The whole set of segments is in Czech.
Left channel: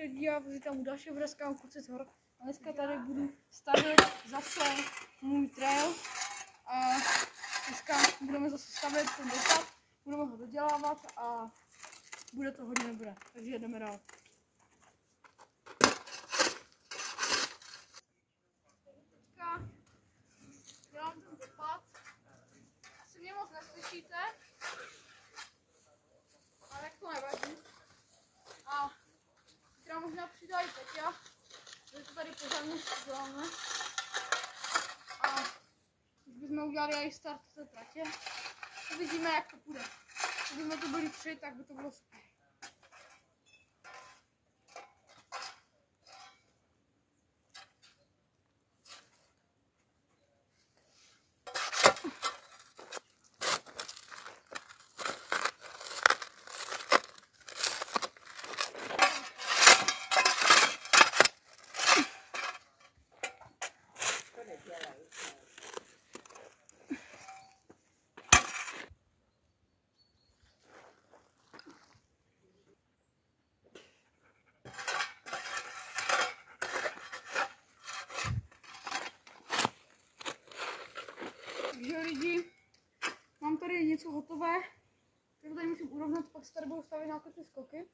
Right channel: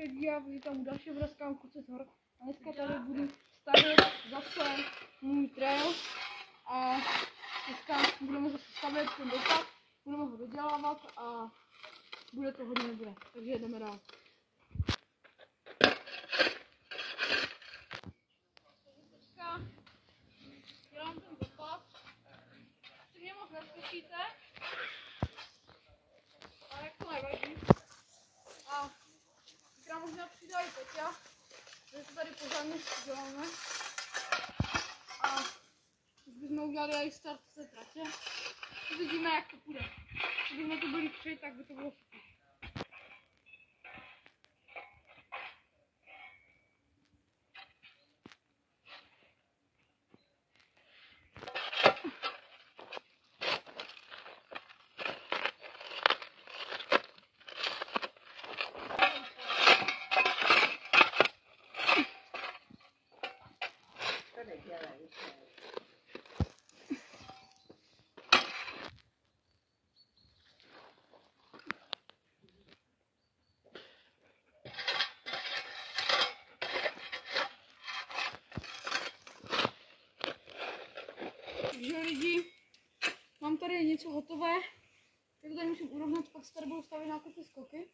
Já vítám u dalšího videa Kluci z hor. A dneska tady budu stavět zase můj trail. A dneska budeme zase stavět ten dopad, budeme ho dodělávat a bude to hodně dobré. Takže jdeme dál. Teďka dělám ten dopad. Asi mě moc neslyšíte, ale jak to nevadí. A já možná přidají Peťa, že to tady pořádně děláme. A už bychom udělali i start z té tratě. Uvidíme, jak to půjde. Kdybychom to byli 3, tak by to bylo super. Takže lidi, mám tady něco hotové, tak to tady musím urovnat, pak se tady budu stavět nějaké ty skoky.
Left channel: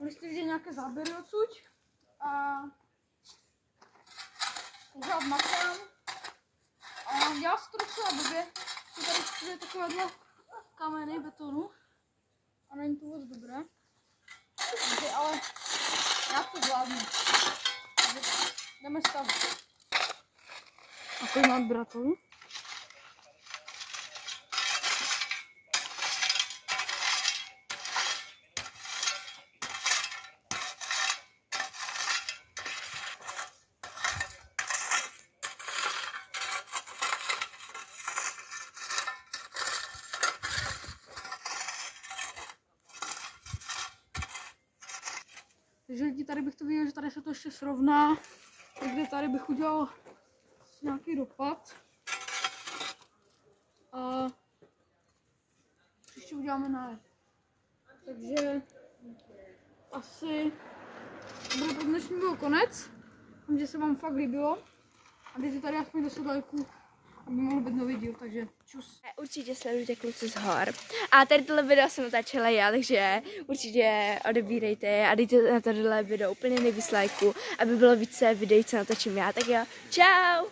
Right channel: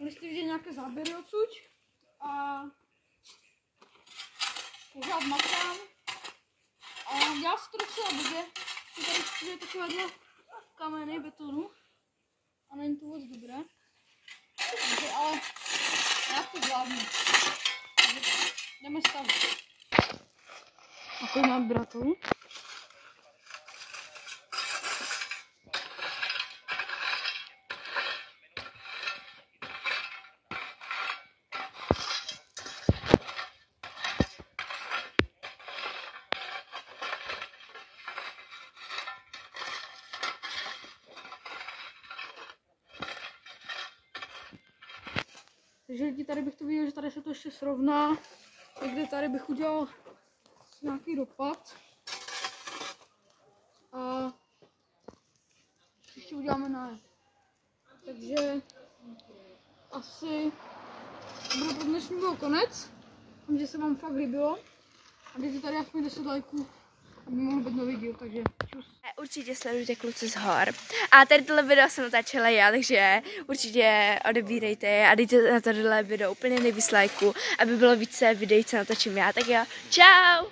Když jste vidět nějaké záběry odsud a pořád makám. A já si to docela blbě, že tady je takovéhle kameny betonu a není to moc dobré. Takže, ale já to zvládnu. Takže jdeme stavit. A tady mám bratru. Takže lidi, tady bych to viděl, že tady se to ještě srovná. Takže tady bych udělal nějaký dopad. A ještě uděláme najet. Takže asi bude pro dnešní byl konec. Myslím, že se vám fakt líbilo. A dejte tady aspoň 10 lajků, aby mohl být nový díl, takže čus. Určitě sledujte Kluci z hor. A tady tohle video jsem natáčela já, takže určitě odebírejte a dejte na tohle video úplně nejvíc lajků, aby bylo více videí, co natočím já. Tak jo, čau!